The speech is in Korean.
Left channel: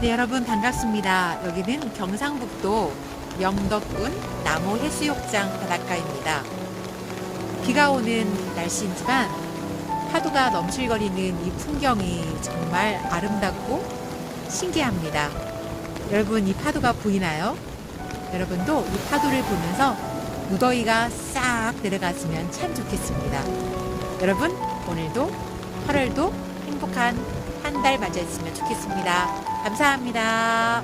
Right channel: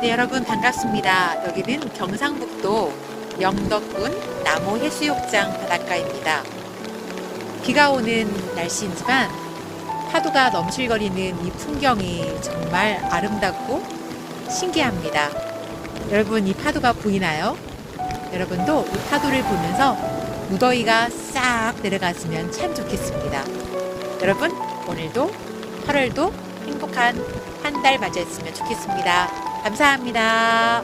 네, 여러분 반갑습니다. 여기는 경상북도 영덕군 남호해수욕장 바닷가입니다. 비가 오는 날씨이지만 파도가 넘실거리는 이 풍경이 정말 아름답고 신기합니다. 여러분, 이 파도가 보이나요? 여러분도 이 파도를 보면서 무더위가 싹 내려갔으면 참 좋겠습니다. 여러분, 오늘도 8월도 행복한 한 달 맞이했으면 좋겠습니다. 감사합니다.